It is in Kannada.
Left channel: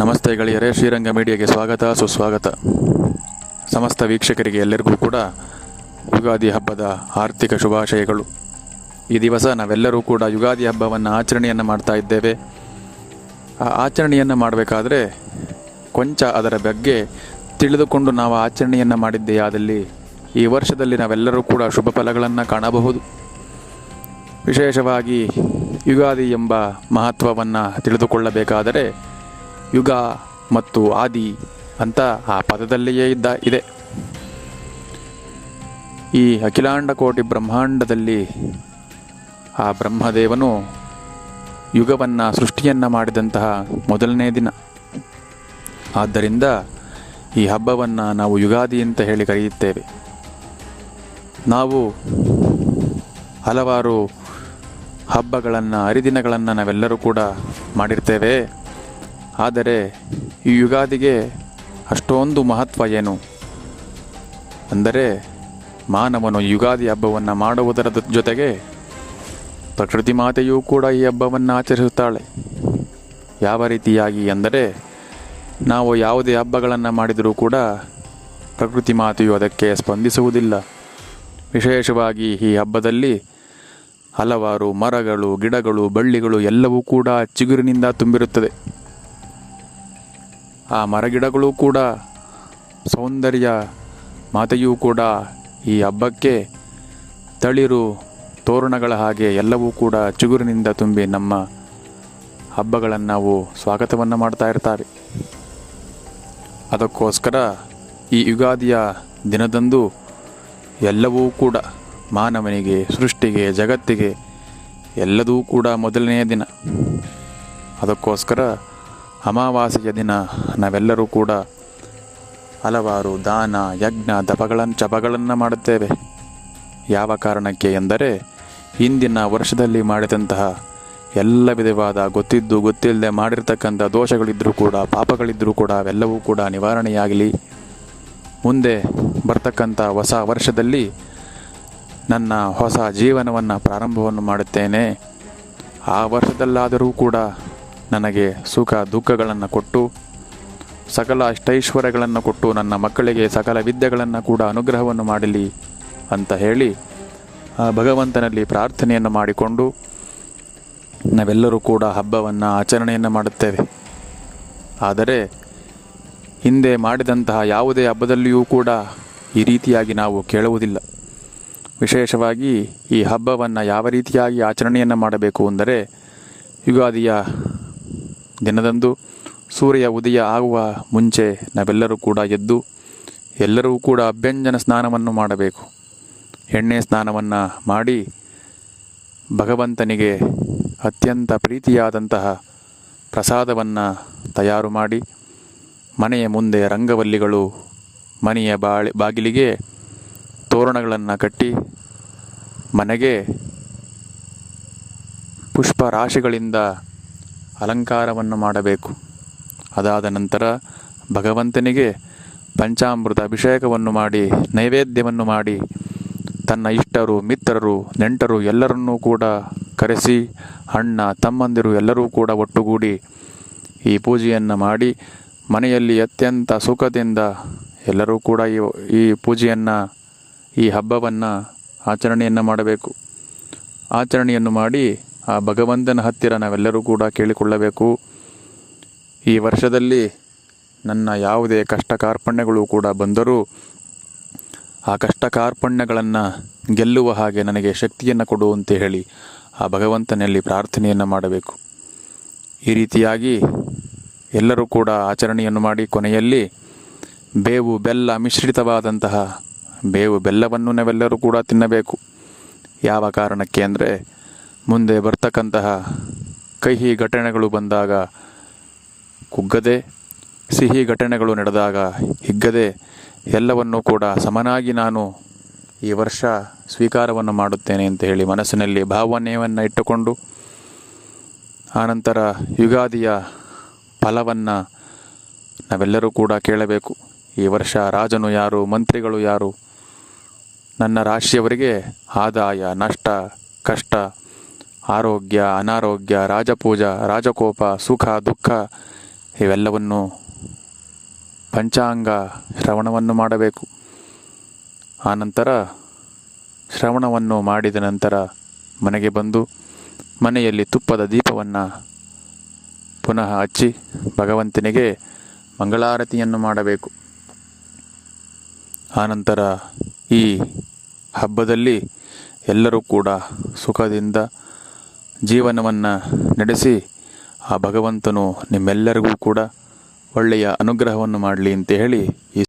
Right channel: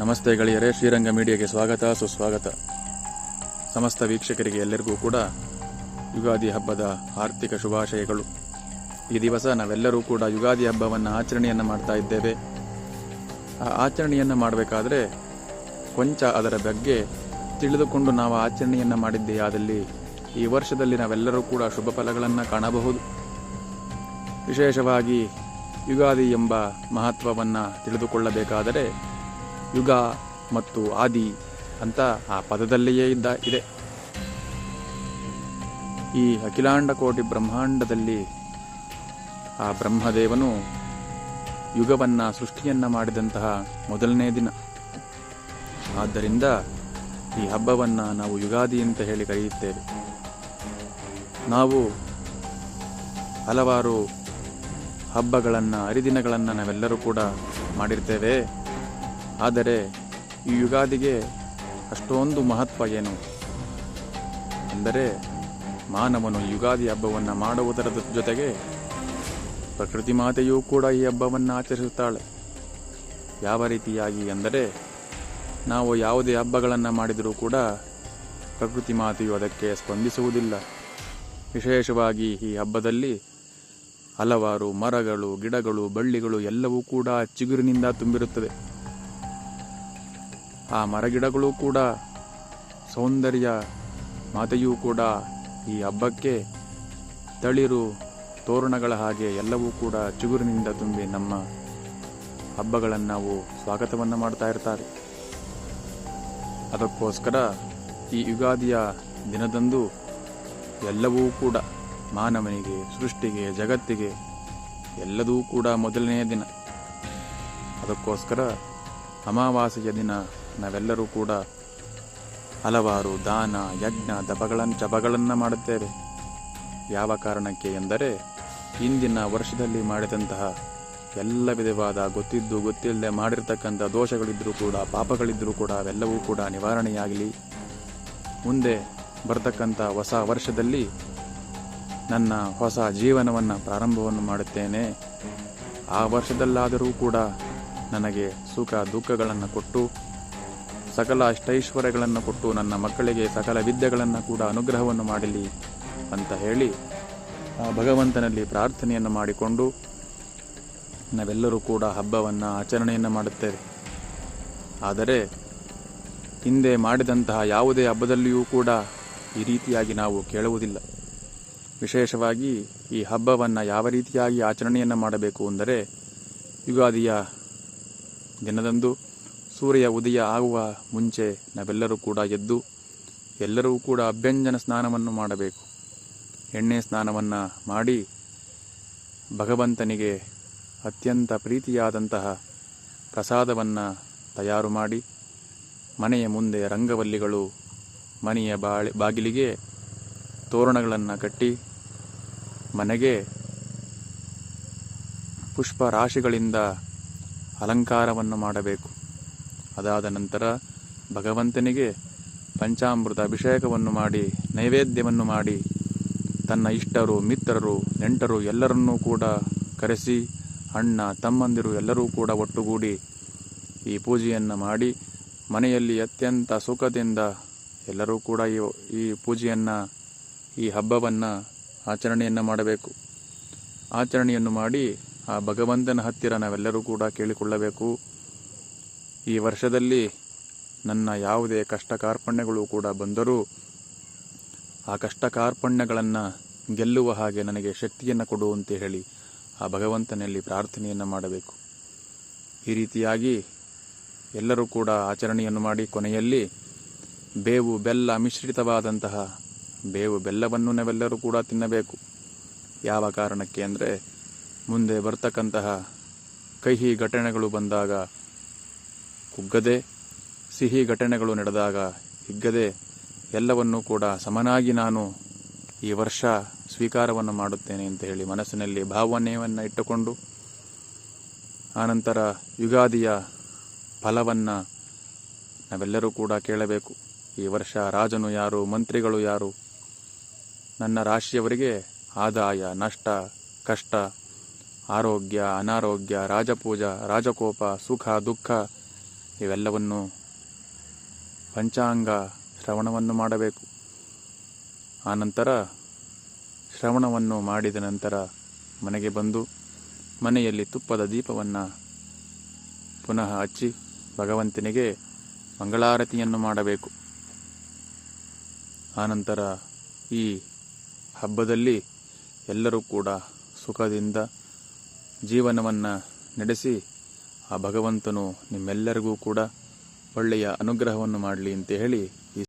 ನಮಸ್ತೆ ಗೆಳೆಯರೇ, ಶ್ರೀರಂಗ ಮೀಡಿಯಾಗೆ ಸ್ವಾಗತ ಸುಸ್ವಾಗತ. ಸಮಸ್ತ ವೀಕ್ಷಕರಿಗೆ ಎಲ್ಲರಿಗೂ ಕೂಡ ಯುಗಾದಿ ಹಬ್ಬದ ಆರ್ಥಿಕ ಶುಭಾಶಯಗಳು. ಈ ದಿವಸ ನಾವೆಲ್ಲರೂ ಕೂಡ ಯುಗಾದಿ ಹಬ್ಬವನ್ನು ಆಚರಣೆಯನ್ನು ಮಾಡ್ತಾ ಇದ್ದೇವೆ. ಆ ಆಚರಣೆಯನ್ನು ಮಾಡಬೇಕಾದ್ರೆ ಕೊಂಚ ಅದರ ಬಗ್ಗೆ ತಿಳಿದುಕೊಂಡು ನಾವು ಆಚರಣೆಯನ್ನು ಮಾಡಿದ್ದೇ ಆದಲ್ಲಿ ಈ ವರ್ಷದಲ್ಲಿ ನಾವೆಲ್ಲರೂ ಕೂಡ ಶುಭ ಫಲಗಳನ್ನು ಕಾಣಬಹುದು. ವಿಶೇಷವಾಗಿ ಯುಗಾದಿ ಎಂಬ ಮಹತ್ವವನ್ನು ತಿಳಿದುಕೊಳ್ಳಬೇಕಾದರೆ ಯುಗ ಮತ್ತು ಆದಿ ಅಂತ ಆ ಪದದಲ್ಲಿಯೇ ಇದೆ. ಈ ಅಖಿಲಾಂಡ ಕೋಟಿ ಬ್ರಹ್ಮಾಂಡದಲ್ಲಿ ಆ ಬ್ರಹ್ಮದೇವನು ಯುಗವನ್ನು ಸೃಷ್ಟಿಯನ್ನು ಮಾಡಿದಂತಹ ಮೊದಲನೇ ದಿನ. ಆದ್ದರಿಂದ ಈ ಹಬ್ಬವನ್ನು ನಾವು ಯುಗಾದಿ ಅಂತ ಹೇಳಿ ಕರೆಯುತ್ತೇವೆ. ನಾವು ಹಲವಾರು ಹಬ್ಬಗಳನ್ನು, ಹರಿದಿನಗಳನ್ನು ನಾವೆಲ್ಲರೂ ಕೂಡ ಮಾಡಿರ್ತೇವೆ. ಆದರೆ ಈ ಯುಗಾದಿಗೆ ಅಷ್ಟೊಂದು ಮಹತ್ವ ಏನು ಅಂದರೆ, ಮಾನವನು ಯುಗಾದಿ ಹಬ್ಬವನ್ನು ಮಾಡುವುದರ ಜೊತೆಗೆ ಪ್ರಕೃತಿ ಮಾತೆಯೂ ಕೂಡ ಈ ಹಬ್ಬವನ್ನು ಆಚರಿಸುತ್ತಾಳೆ. ಯಾವ ರೀತಿಯಾಗಿ ಅಂದರೆ, ನಾವು ಯಾವುದೇ ಹಬ್ಬಗಳನ್ನು ಮಾಡಿದರೂ ಕೂಡ ಪ್ರಕೃತಿ ಮಾತೆಯು ಅದಕ್ಕೆ ಸ್ಪಂದಿಸುವುದಿಲ್ಲ. ವಿಶೇಷವಾಗಿ ಈ ಹಬ್ಬದಲ್ಲಿ ಹಲವಾರು ಮರಗಳು, ಗಿಡಗಳು, ಬಳ್ಳಿಗಳು ಎಲ್ಲವೂ ಕೂಡ ಚಿಗುರಿನಿಂದ ತುಂಬಿರುತ್ತದೆ. ಆ ಮರಗಿಡಗಳು ಕೂಡ ಸೌಂದರ್ಯ ಮಾತೆಯೂ ಕೂಡ ಈ ಹಬ್ಬಕ್ಕೆ ತಳಿರು ತೋರಣಗಳ ಹಾಗೆ ಎಲ್ಲವೂ ಕೂಡ ಚಿಗುರಿನಿಂದ ತುಂಬಿ ನಮ್ಮ ಹಬ್ಬಗಳನ್ನು ನಾವು ಸ್ವಾಗತವನ್ನು ಮಾಡ್ತಾ ಇರ್ತಾರೆ. ಅದಕ್ಕೋಸ್ಕರ ಈ ಯುಗಾದಿಯ ದಿನದಂದು ಎಲ್ಲವೂ ಕೂಡ ಮಾನವನಿಗೆ, ಸೃಷ್ಟಿಗೆ, ಜಗತ್ತಿಗೆ ಎಲ್ಲದೂ ಕೂಡ ಮೊದಲನೆಯ ದಿನ. ಅದಕ್ಕೋಸ್ಕರ ಅಮಾವಾಸ್ಯೆಯ ದಿನ ನಾವೆಲ್ಲರೂ ಕೂಡ ಹಲವಾರು ದಾನ, ಯಜ್ಞ, ಜಪಗಳನ್ನು ಮಾಡುತ್ತೇವೆ. ಯಾವ ಕಾರಣಕ್ಕೆ ಎಂದರೆ, ಹಿಂದಿನ ವರ್ಷದಲ್ಲಿ ಮಾಡಿದಂತಹ ಎಲ್ಲ ವಿಧವಾದ ಗೊತ್ತಿದ್ದು ಗೊತ್ತಿಲ್ಲದೆ ಮಾಡಿರ್ತಕ್ಕಂಥ ದೋಷಗಳಿದ್ದರೂ ಕೂಡ, ಪಾಪಗಳಿದ್ದರೂ ಕೂಡ ಅವೆಲ್ಲವೂ ಕೂಡ ನಿವಾರಣೆಯಾಗಲಿ. ಮುಂದೆ ಬರ್ತಕ್ಕಂಥ ಹೊಸ ವರ್ಷದಲ್ಲಿ ನನ್ನ ಹೊಸ ಜೀವನವನ್ನು ಪ್ರಾರಂಭವನ್ನು ಮಾಡುತ್ತೇನೆ. ಆ ವರ್ಷದಲ್ಲಾದರೂ ಕೂಡ ನನಗೆ ಸುಖ ದುಃಖಗಳನ್ನು ಕೊಟ್ಟು, ಸಕಲ ಅಷ್ಟೈಶ್ವರ್ಯಗಳನ್ನು ಕೊಟ್ಟು, ನನ್ನ ಮಕ್ಕಳಿಗೆ ಸಕಲ ವಿದ್ಯೆಗಳನ್ನು ಕೂಡ ಅನುಗ್ರಹವನ್ನು ಮಾಡಲಿ ಅಂತ ಹೇಳಿ ಆ ಭಗವಂತನಲ್ಲಿ ಪ್ರಾರ್ಥನೆಯನ್ನು ಮಾಡಿಕೊಂಡು ನಾವೆಲ್ಲರೂ ಕೂಡ ಹಬ್ಬವನ್ನು ಆಚರಣೆಯನ್ನು ಮಾಡುತ್ತೇವೆ. ಆದರೆ ಹಿಂದೆ ಮಾಡಿದಂತಹ ಯಾವುದೇ ಹಬ್ಬದಲ್ಲಿಯೂ ಕೂಡ ಈ ರೀತಿಯಾಗಿ ನಾವು ಕೇಳುವುದಿಲ್ಲ. ವಿಶೇಷವಾಗಿ ಈ ಹಬ್ಬವನ್ನು ಯಾವ ರೀತಿಯಾಗಿ ಆಚರಣೆಯನ್ನು ಮಾಡಬೇಕು ಅಂದರೆ, ಯುಗಾದಿಯ ದಿನದಂದು ಸೂರ್ಯ ಉದಯ ಆಗುವ ಮುಂಚೆ ನಾವೆಲ್ಲರೂ ಕೂಡ ಎದ್ದು ಎಲ್ಲರೂ ಕೂಡ ಅಭ್ಯಂಜನ ಸ್ನಾನವನ್ನು ಮಾಡಬೇಕು. ಎಣ್ಣೆ ಸ್ನಾನವನ್ನು ಮಾಡಿ ಭಗವಂತನಿಗೆ ಅತ್ಯಂತ ಪ್ರೀತಿಯಾದಂತಹ ಪ್ರಸಾದವನ್ನು ತಯಾರು ಮಾಡಿ, ಮನೆಯ ಮುಂದೆ ರಂಗವಲ್ಲಿಗಳು, ಮನೆಯ ಬಾಗಿಲಿಗೆ ತೋರಣಗಳನ್ನು ಕಟ್ಟಿ, ಮನೆಗೆ ಪುಷ್ಪ ರಾಶಿಗಳಿಂದ ಅಲಂಕಾರವನ್ನು ಮಾಡಬೇಕು. ಅದಾದ ನಂತರ ಭಗವಂತನಿಗೆ ಪಂಚಾಮೃತ ಅಭಿಷೇಕವನ್ನು ಮಾಡಿ, ನೈವೇದ್ಯವನ್ನು ಮಾಡಿ, ತನ್ನ ಇಷ್ಟರು, ಮಿತ್ರರು, ನೆಂಟರು ಎಲ್ಲರನ್ನೂ ಕೂಡ ಕರೆಸಿ, ಅಣ್ಣ ತಮ್ಮಂದಿರು ಎಲ್ಲರೂ ಕೂಡ ಒಟ್ಟುಗೂಡಿ ಈ ಪೂಜೆಯನ್ನು ಮಾಡಿ, ಮನೆಯಲ್ಲಿ ಅತ್ಯಂತ ಸುಖದಿಂದ ಎಲ್ಲರೂ ಕೂಡ ಈ ಪೂಜೆಯನ್ನು, ಈ ಹಬ್ಬವನ್ನು ಆಚರಣೆಯನ್ನು ಮಾಡಬೇಕು. ಆಚರಣೆಯನ್ನು ಮಾಡಿ ಆ ಭಗವಂತನ ಹತ್ತಿರ ನಾವೆಲ್ಲರೂ ಕೂಡ ಕೇಳಿಕೊಳ್ಳಬೇಕು, ಈ ವರ್ಷದಲ್ಲಿ ನನ್ನ ಯಾವುದೇ ಕಷ್ಟ ಕಾರ್ಪಣ್ಯಗಳು ಕೂಡ ಬಂದರೂ ಆ ಕಷ್ಟ ಕಾರ್ಪಣ್ಯಗಳನ್ನು ಗೆಲ್ಲುವ ಹಾಗೆ ನನಗೆ ಶಕ್ತಿಯನ್ನು ಕೊಡು ಅಂತ ಹೇಳಿ ಆ ಭಗವಂತನಲ್ಲಿ ಪ್ರಾರ್ಥನೆಯನ್ನು ಮಾಡಬೇಕು. ಈ ರೀತಿಯಾಗಿ ಎಲ್ಲರೂ ಕೂಡ ಆಚರಣೆಯನ್ನು ಮಾಡಿ, ಕೊನೆಯಲ್ಲಿ ಬೇವು ಬೆಲ್ಲ ಮಿಶ್ರಿತವಾದಂತಹ ಬೇವು ಬೆಲ್ಲವನ್ನು ನಾವೆಲ್ಲರೂ ಕೂಡ ತಿನ್ನಬೇಕು. ಯಾವ ಕಾರಣಕ್ಕೆ ಅಂದರೆ, ಮುಂದೆ ಬರ್ತಕ್ಕಂತಹ ಕಹಿ ಘಟನೆಗಳು ಬಂದಾಗ ಕುಗ್ಗದೆ, ಸಿಹಿ ಘಟನೆಗಳು ನಡೆದಾಗ ಹಿಗ್ಗದೆ, ಎಲ್ಲವನ್ನೂ ಕೂಡ ಸಮನಾಗಿ ನಾನು ಈ ವರ್ಷ ಸ್ವೀಕಾರವನ್ನು ಮಾಡುತ್ತೇನೆ ಅಂತ ಹೇಳಿ ಮನಸ್ಸಿನಲ್ಲಿ ಭಾವನೆಯನ್ನು ಇಟ್ಟುಕೊಂಡು, ಆನಂತರ ಯುಗಾದಿಯ ಫಲವನ್ನು ನಾವೆಲ್ಲರೂ ಕೂಡ ಕೇಳಬೇಕು. ಈ ವರ್ಷ ರಾಜನು ಯಾರು, ಮಂತ್ರಿಗಳು ಯಾರು, ನನ್ನ ರಾಶಿಯವರಿಗೆ ಆದಾಯ, ನಷ್ಟ, ಕಷ್ಟ, ಆರೋಗ್ಯ, ಅನಾರೋಗ್ಯ, ರಾಜಪೂಜ, ರಾಜಕೋಪ, ಸುಖ, ದುಃಖ ಇವೆಲ್ಲವನ್ನು ಪಂಚಾಂಗ ಶ್ರವಣವನ್ನು ಮಾಡಬೇಕು. ಆನಂತರ ಶ್ರವಣವನ್ನು ಮಾಡಿದ ನಂತರ ಮನೆಗೆ ಬಂದು ಮನೆಯಲ್ಲಿ ತುಪ್ಪದ ದೀಪವನ್ನು ಪುನಃ ಹಚ್ಚಿ ಭಗವಂತನಿಗೆ ಮಂಗಳಾರತಿಯನ್ನು ಮಾಡಬೇಕು. ಆನಂತರ ಈ ಹಬ್ಬದಲ್ಲಿ ಎಲ್ಲರೂ ಕೂಡ ಸುಖದಿಂದ ಜೀವನವನ್ನು ನಡೆಸಿ ಆ ಭಗವಂತನು ನಿಮ್ಮೆಲ್ಲರಿಗೂ ಕೂಡ ಒಳ್ಳೆಯ ಅನುಗ್ರಹವನ್ನು ಮಾಡಲಿ ಅಂತ ಹೇಳಿ ಈ